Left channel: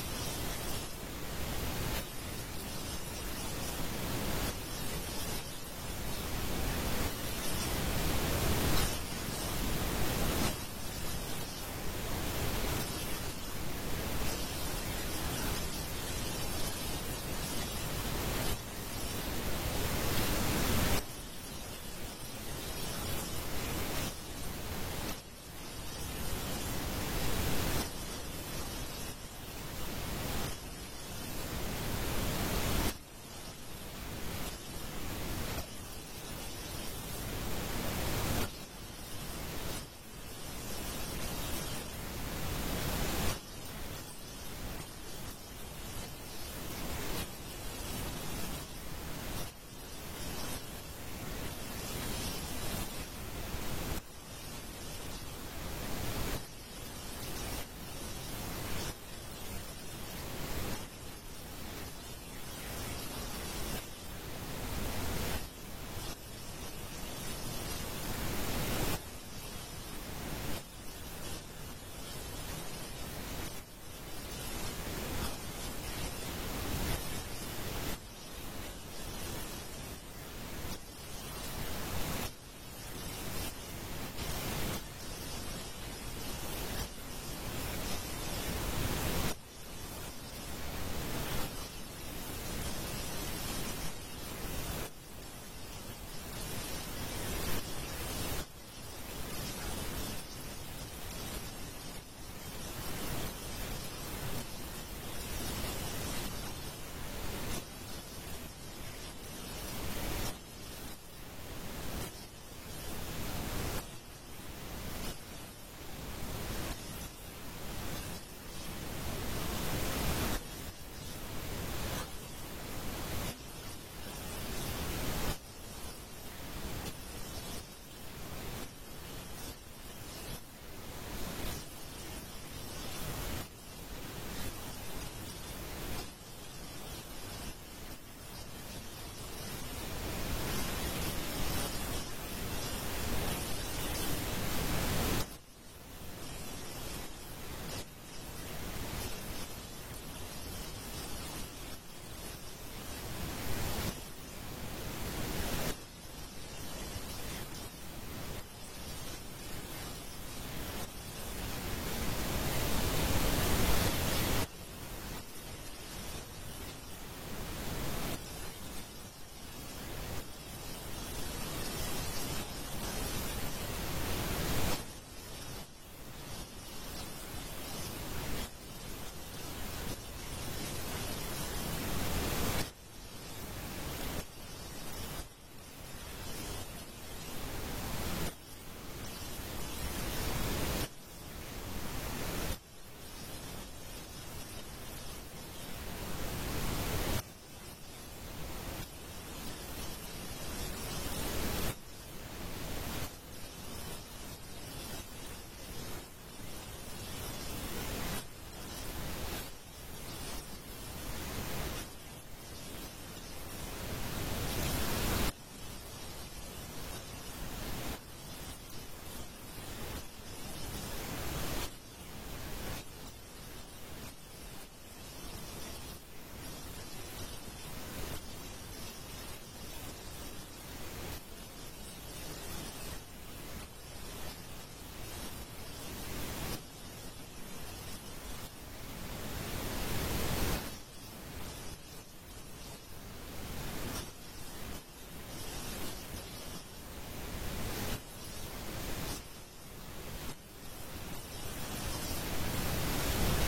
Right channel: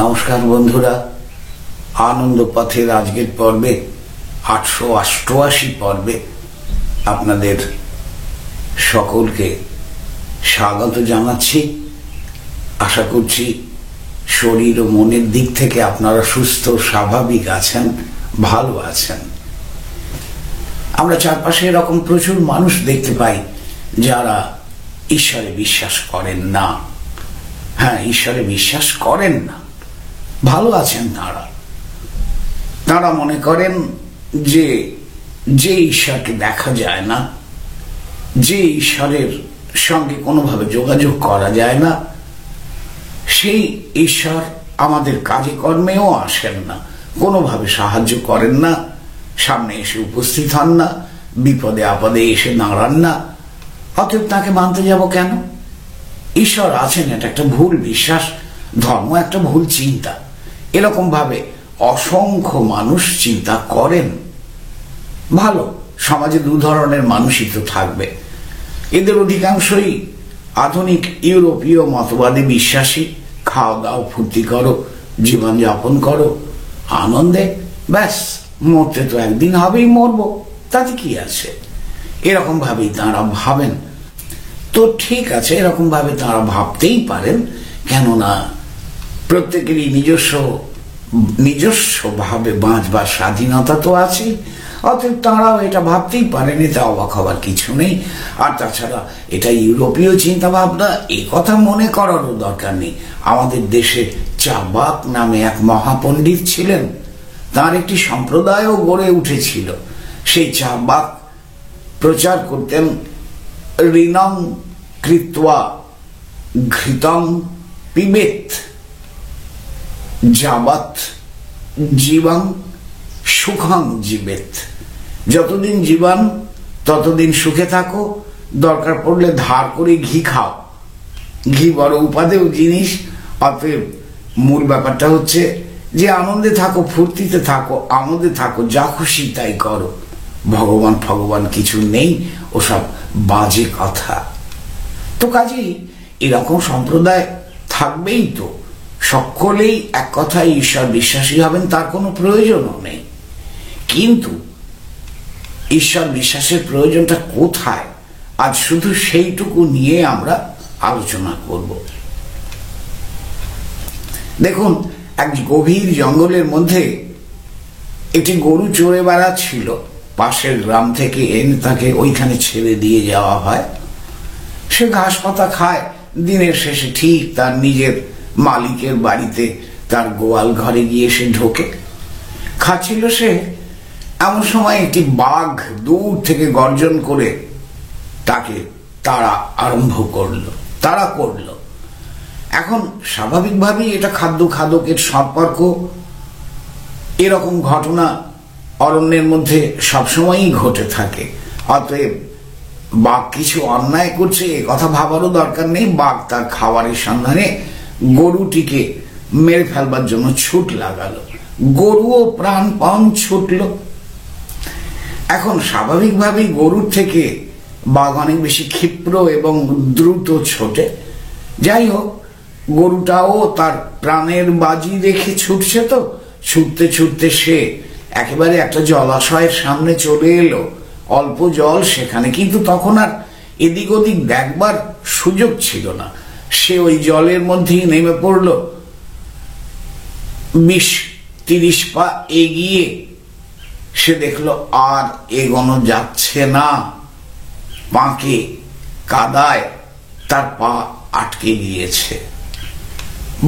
নমস্কার বন্ধুরা, আনন্দ পথের আজকের পর্বে 888 পর্বে আপনাদের সকলকে স্বাগত জানাচ্ছি। আশা করছি শরীর ও মনের দিক থেকে আপনারা সুস্থ স্বাভাবিক আছেন, ভালো আছেন। আমরা চারপাশে এরকম প্রচুর মানুষ দেখতে পাই যারা ঈশ্বরে বিশ্বাস করেন না। হ্যাঁ, ঈশ্বরে বিশ্বাস করেন না, ভালো আছেন তারা মনে করেন যে ঈশ্বরকে দেখা যায় না, যে ঈশ্বরের সঙ্গে কোনোভাবে যোগাযোগ করা যায় না, সেই ঈশ্বর আমাদের কাজে কর্মেও আসেন না, কোনোভাবে সাহায্য করেন না, সামনে এসে উপস্থিত হন না, বিপদে আপদে এসে দাঁড়ান না। অতএব তাকে মানতে যাব কেন? ঈশ্বর আছেন এটা একটা ভুল বিশ্বাস, ধর্ম একটা ভুল চিন্তা। এরকম ভাবে অসংখ্য মানুষ চিন্তা করেন। ভালো, সমাজে দু ধরনের মানুষই তো থাকবে। এদের অধিকাংশই আধুনিক ইউরোপীয় মতবাদে বিশ্বাসী। খাও দাও, ফুর্তি করো, জীবনযাপন করো আনন্দে, ব্যাস, মরতে তো একদিন হবেই, মরবো, তাতে কি আছে, এরকম ভাবেই তাঁরা ভাবেন। তো ঠিক আছে, এরকম ভাবে তাঁরা ভাবতেই পারেন, কেননা প্রত্যেকেরই নিজস্ব ভাবে বাঁচবার স্বাধীনতা তো আছে। অতএব তাঁরাও এটা ভাবতেই পারেন, এতে অবাক হবার কিছু নেই। আর তাছাড়া এটা ইউরোপীয় চিন্তা ভাবনা, এ কথা মনে করারও দরকার নেই। আমাদের দেশে চাবাক নামে এক মহাপণ্ডিত ছিলেন, তার একটি সম্প্রদায়ও গড়ে উঠেছিল। সেই চাবাক প্রচার করতেন ঋণং কৃত্বা ঘৃতং পিবেত যাবৎ জীবং সুখং জীবেত। যতদিন জীবন ততদিন সুখে থাকো, দরকার পড়লে ধার করে ঘি খাও। ঘি বড় উপাদেয় জিনিস। অতএব মূল ব্যাপারটা হচ্ছে যে আনন্দে থাকো, ফুর্তিতে থাকো, আমোদে থাকো, যা খুশি তাই করো। ভগবান কিছু নেই, ওসব বাজে কথা। তো কাজেই এরকম সম্প্রদায় থাকবেই। তো সকলেই এক কথায় ঈশ্বর বিশ্বাসী হবেন তার কোনো প্রয়োজনও নেই। কিন্তু ঈশ্বর বিশ্বাসের প্রয়োজনটা কোথায়, আজ শুধু সেইটুকু নিয়ে আমরা আলোচনা করব। দেখুন, এক গভীর জঙ্গলের মধ্যে একটি গরু চড়ে বেড়াচ্ছিল। পাশের গ্রাম থেকে এনে তাকে ওইখানে ছেড়ে দিয়ে যাওয়া হয়। সে ঘাস পাতা খায়। দিনের শেষে ঠিক তার নিজের মালিকের বাড়িতে তার গোয়াল ঘরে গিয়ে সে ঢোকে। খাচ্ছিল সে, এমন সময় একটি বাঘ দূর থেকে গর্জন করে তাকে তাড়া করলো। এখন স্বাভাবিকভাবেই এটা খাদ্য খাদকের সম্পর্ক। এরকম ঘটনা অরণ্যের মধ্যে সবসময়ই ঘটে থাকে। অতএব বাঘ কিছু অন্যায় করছে এ কথা ভাবারও দরকার নেই। বাঘ তার খাবারের সন্ধানে গরুটিকে মেরে ফেলবার জন্য ছুট লাগালো। গরুও প্রাণপণ ছুটল। এখন স্বাভাবিকভাবেই গরুর থেকে বাঘ অনেক বেশি ক্ষিপ্র এবং দ্রুত ছোটে। যাই হোক, গরুটাও তার প্রাণের বাজি রেখে ছুটছে। তো ছুটতে ছুটতে সে একেবারে একটা জলাশয়ের সামনে চলে এলো। অল্প জল সেখানে, কিন্তু তখন আর এদিক ওদিক দেখবার সুযোগ ছিল না। সে ওই জলের মধ্যেই নেমে পড়ল। 20-30 পা এগিয়ে সে দেখলো আর এগোনো যাচ্ছে না। পাঁকে কাদায় তার পা আটকে গিয়েছে।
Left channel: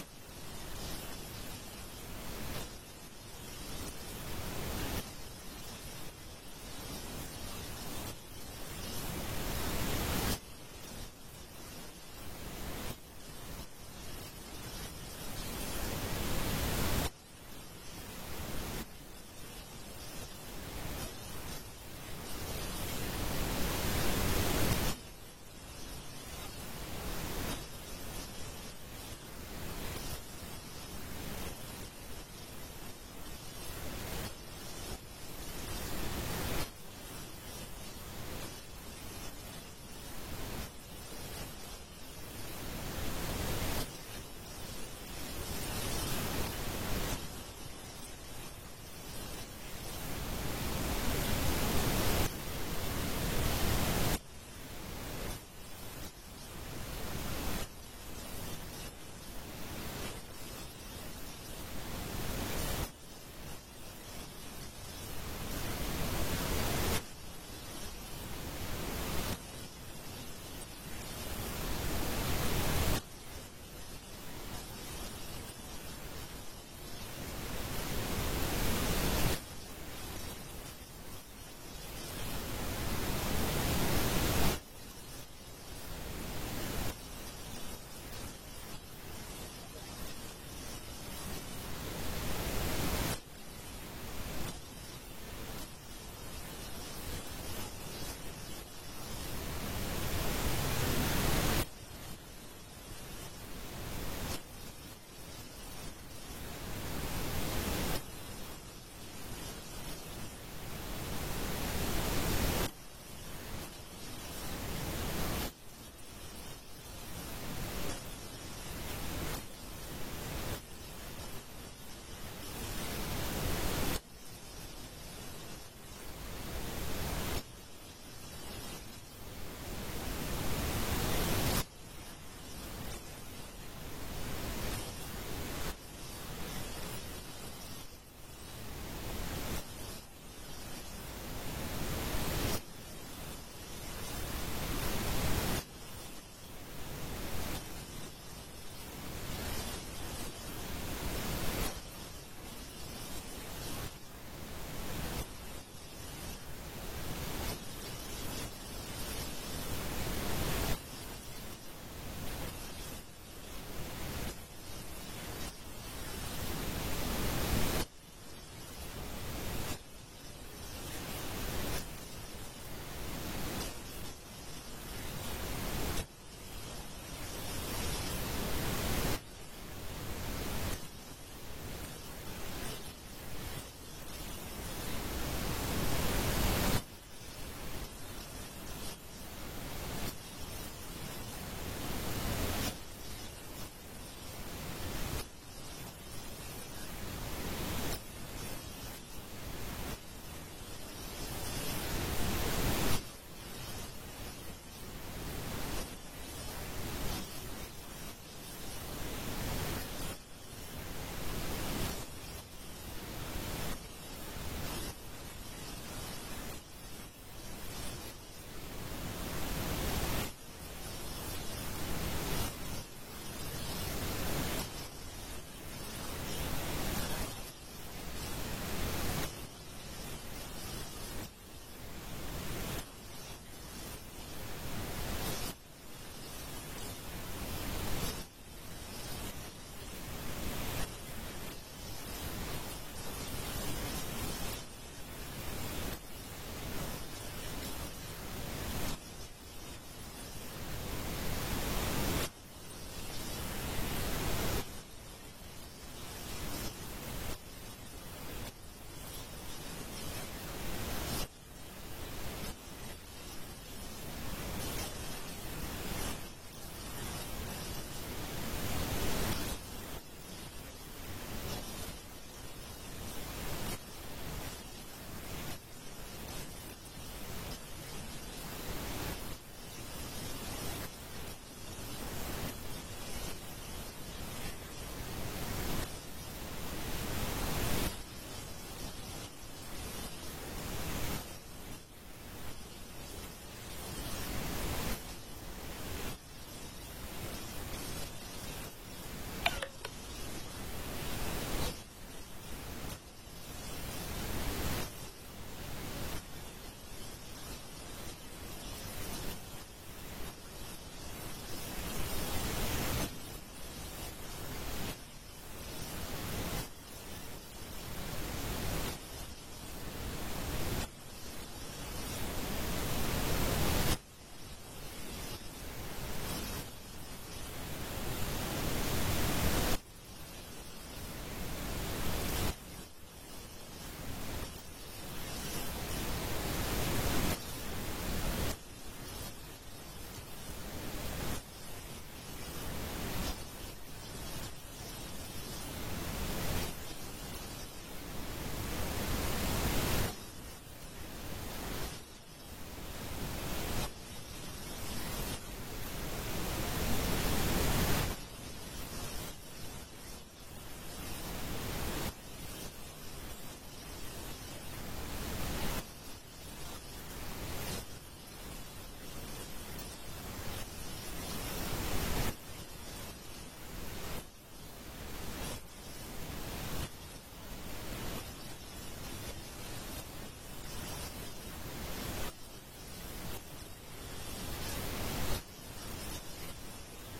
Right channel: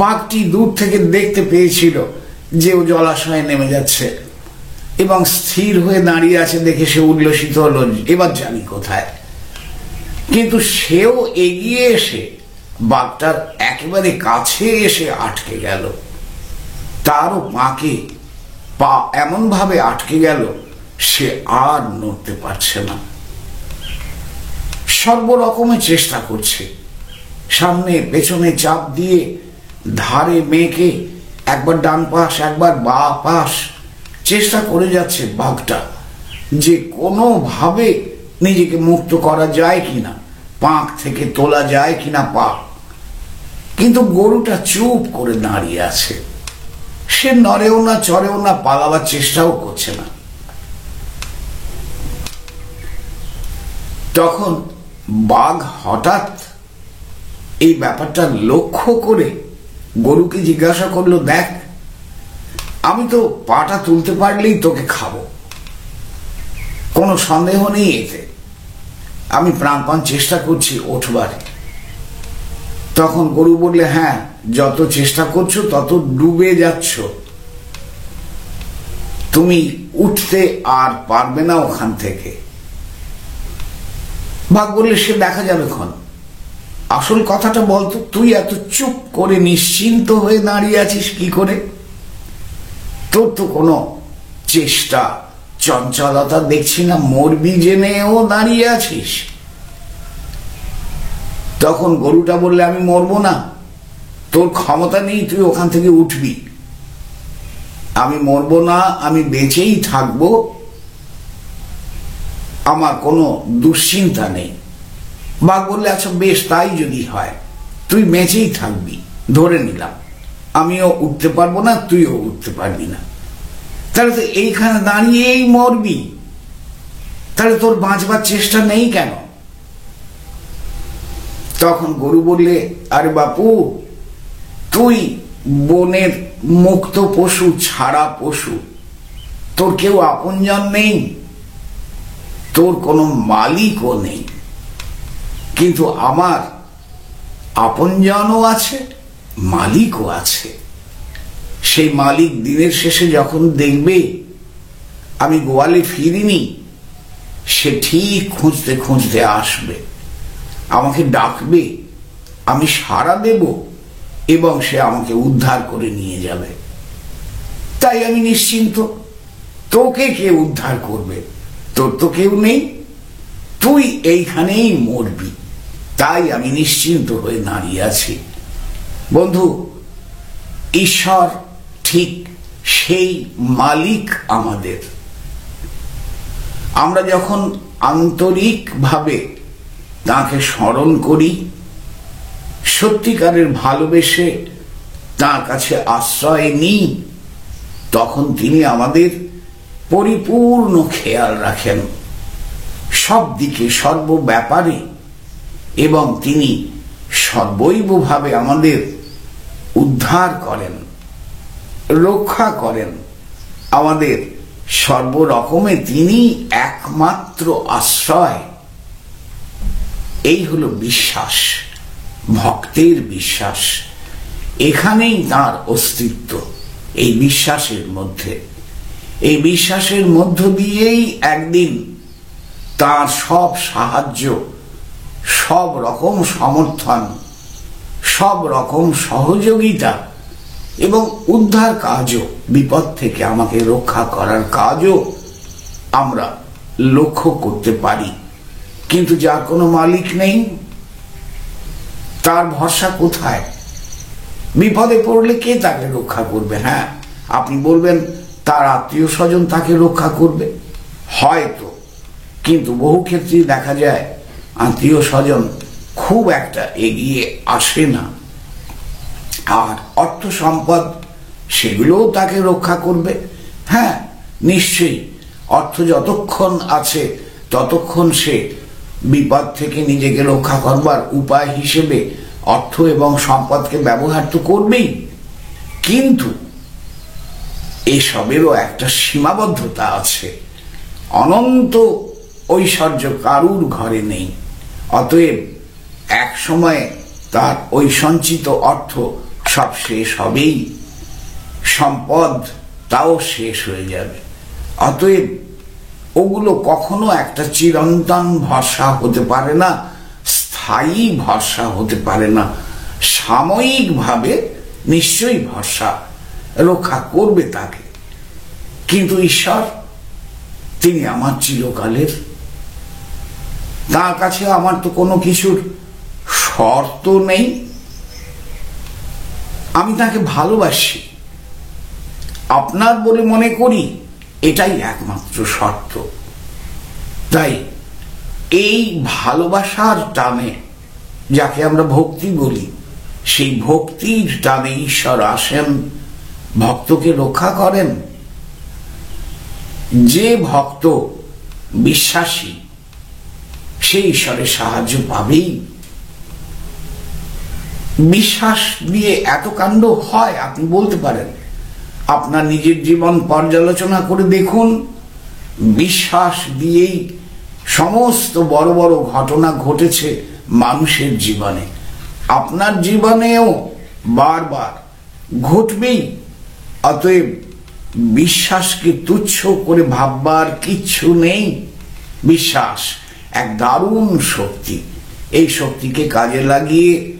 বাঘটি দূর থেকে দেখতে পেয়েছিল যে ও জলাশয়ে নেমে যাচ্ছে এবং স্থির হয়ে দাঁড়িয়ে আছে দেখে সে উল্লসিত হলো, এবার জানি কোথায়। কিন্তু সেও এগিয়ে এসে বাঘটার একেবারে কাছে এসে আটকে গেল। তারও পা এমন ভাবে আটকে গেল সে আর নড়তে পারছে না। সর্বরকমের চেষ্টা করছে, সামনে পেছনে চাপ দিয়ে, ধারে মেয়েকে একবার ডান পাশ একবার বা পাশ চেষ্টা করে যাচ্ছে বাঘটা, যে কোনোভাবে নিজেকে মুক্ত করা যায় কিনা, পাঁক থেকে তোলা যায় কিনা পা। কিন্তু গরুটা চুপ করে দাঁড়িয়ে আছে, সে নড়েও না, চড়েও না, পালাবার চেষ্টাও করছে না। তখন বাঘ হঠাৎ এই ব্যাপারটা লক্ষ্য করে গরুকে জিজ্ঞাসা করলো, দেখ, আমি তো পাটা তুলতে পারলেই তোকে খাবো, কোনো সন্দেহ নেই এতে, আমি প্রাণপণ চেষ্টা করছি ওঠবার। তখন গরু বললে, হ্যাঁ, যত চেষ্টা করছো তত ডুবে যাচ্ছ, তুমি উঠতে আর পারবে না ওখান থেকে। বাঘ বললে, সে দেখা যাবে ক্ষণ, আসল কথাটা বলতো, তুই এত চুপ করে নিশ্চিন্ত হয়ে দাঁড়িয়ে আছিস কি করে? তোর তো কোনো চেষ্টা চঞ্চলতা দেখছি না, মরবি জেনেও দাঁড়িয়ে আছিস। তখন গরুটা বললে, আমি মরবো না, তোর ক্ষমতা নেই তুই ওখান থেকে উঠবি, আমি মরবো না, আমি বেঁচেই থাকবো, আমার কোনো দুশ্চিন্তা নেই। বাঘ বললে, আচ্ছা বেশ, তাই যদি হয়, তুই বেঁচেই থাকবি, ধরে নিলাম, আমিও উঠতে পারবো না, তুইও উঠতে পারবি না, তাহলে তো এইখানে দাঁড়িয়েই মরবি, তাহলে তোর বাঁচবার চেষ্টা নেই কেন? তখন গরু বললে, আরে বাপু, তুই বনের মুক্ত পশু, ছাড়া পশু, তোর কেউ আপনজন নেই, তোর কোনো মালিকও নেই, কিন্তু আমার আপনজনও আছে, মালিকও আছে। সেই মালিক দিনের শেষে যখন দেখবে আমি গোয়ালে ফিরিনি, সে ঠিক খুঁজতে খুঁজতে আসবে, আমাকে ডাকবে, আমি সাড়া দেব এবং সে আমাকে উদ্ধার করে নিয়ে যাবে। তাই আমি নিশ্চিন্ত, তোকে কে উদ্ধার করবে? তোর তো কেউ নেই, তুই এইখানেই মরবি, তাই আমি নিশ্চিন্ত হয়ে দাঁড়িয়ে আছি। বন্ধু, ঈশ্বর ঠিক সেই মালিক আমাদের। আমরা যখন আন্তরিকভাবে তাঁকে স্মরণ করি, সত্যিকারের ভালোবেসে তাঁর কাছে আশ্রয় নিই, তখন তিনি আমাদের পরিপূর্ণ খেয়াল রাখেন সব দিকে, সর্ব ব্যাপারে, এবং তিনি সর্বৈবভাবে আমাদের উদ্ধার করেন, রক্ষা করেন, আমাদের সর্বরকমে তিনি একমাত্র আশ্রয়। এই হলো বিশ্বাস, ভক্তের বিশ্বাস, এখানেই তার অস্তিত্ব, এই বিশ্বাসের মধ্যে। এই বিশ্বাসের মধ্য দিয়েই একদিন তার সব সাহায্য, সব রকম সমর্থন, সব রকম সহযোগিতা এবং উদ্ধার কাজও, বিপদ থেকে আমাকে রক্ষা করার কাজও আমরা লক্ষ্য করতে পারি। কিন্তু যার কোনো মালিক নেই, তার ভরসা কোথায়? বিপদে পড়লে কে তাকে রক্ষা করবে? হ্যাঁ, আপনি বলবেন তার আত্মীয় স্বজন তাকে রক্ষা করবে, হয়তো, কিন্তু বহু ক্ষেত্রেই দেখা যায় আত্মীয় স্বজন খুব একটা এগিয়ে আসে না। আর অর্থ সম্পদ, সেগুলোও তাকে রক্ষা করবে। হ্যাঁ, নিশ্চয়ই, অর্থ যতক্ষণ আছে ততক্ষণ সে বিপদ থেকে নিজেকে রক্ষা করবার উপায় হিসেবে অর্থ এবং সম্পদকে ব্যবহার তো করবেই, কিন্তু এসবেরও একটা সীমাবদ্ধতা আছে। অনন্ত ঐশ্বর্য কারুর ঘরে নেই, অতএব এক সময় তার ওই সঞ্চিত অর্থ সব শেষ হবেই, সম্পদ তাও শেষ হয়ে যাবে। অতএব ওগুলো কখনো একটা চিরন্তন ভরসা হতে পারে না, স্থায়ী ভরসা হতে পারে না। সাময়িকভাবে নিশ্চয়ই ভরসা রক্ষা করবে তাকে, কিন্তু ঈশ্বর, তিনি আমার চিরকালের, তার কাছে আমার তো কোনো কিছুর শর্ত নেই, আমি তাকে ভালোবাসি, আপনার বলে মনে করি, এটাই একমাত্র শর্ত। তাই এই ভালোবাসার টানে, যাকে আমরা ভক্তি বলি, সেই ভক্তির টানে ঈশ্বর আসেন, ভক্তকে রক্ষা করেন। যে ভক্ত বিশ্বাসী সে ঈশ্বরের সাহায্য পাবেই। বিশ্বাস দিয়ে এত কাণ্ড হয় আপনি বলতে পারেন? আপনার নিজের জীবন পর্যালোচনা করে দেখুন, বিশ্বাস দিয়েই সমস্ত বড় বড় ঘটনা ঘটেছে মানুষের জীবনে। আপনার জীবনেও বারবার ঘটবেই। অতএব বিশ্বাসকে তুচ্ছ করে ভাববার কিচ্ছু নেই। বিশ্বাস এক দারুণ শক্তি। এই শক্তিকে কাজে লাগিয়ে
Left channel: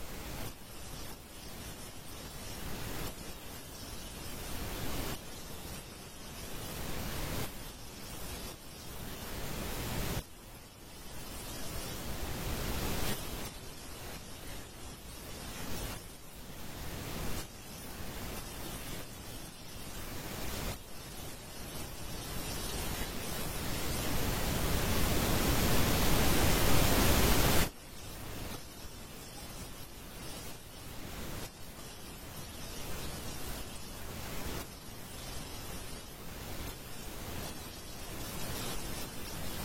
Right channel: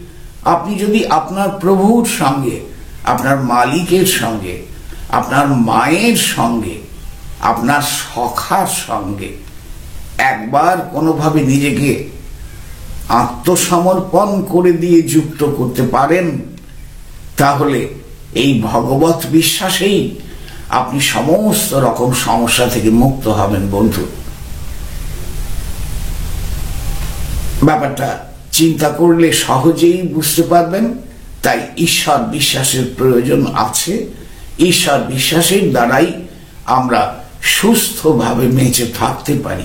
আপনি যদি আপনার প্রভুর সঙ্গে, আপনার মালিকের সঙ্গে, আপনার মায়ের সঙ্গে, আপনার সখার সঙ্গে একবার কোনোভাবে নিজেকে আত্মসমর্পণ করে দিয়ে যুক্ত করতে পারেন, তাহলে এই ভগবত বিশ্বাসেই আপনি সমস্ত রকম সমস্যা থেকে মুক্ত হবেন বন্ধু। ব্যাপারটা চিন্তা করলে সহজেই বুঝতে পারবেন। তাই ঈশ্বর বিশ্বাসের প্রয়োজন আছে। ঈশ্বর বিশ্বাসের দ্বারাই আমরা সুস্থভাবে বেঁচে থাকতে পারি।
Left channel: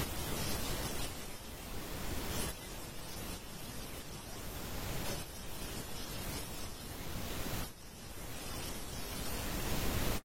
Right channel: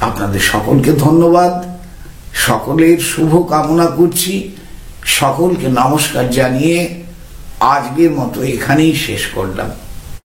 আপনাদের সকলকে ধন্যবাদ, সকলের শুভ কামনা করছি। সকলকে নমস্কার জানিয়ে আজকের মতো এখানেই শেষ করলাম।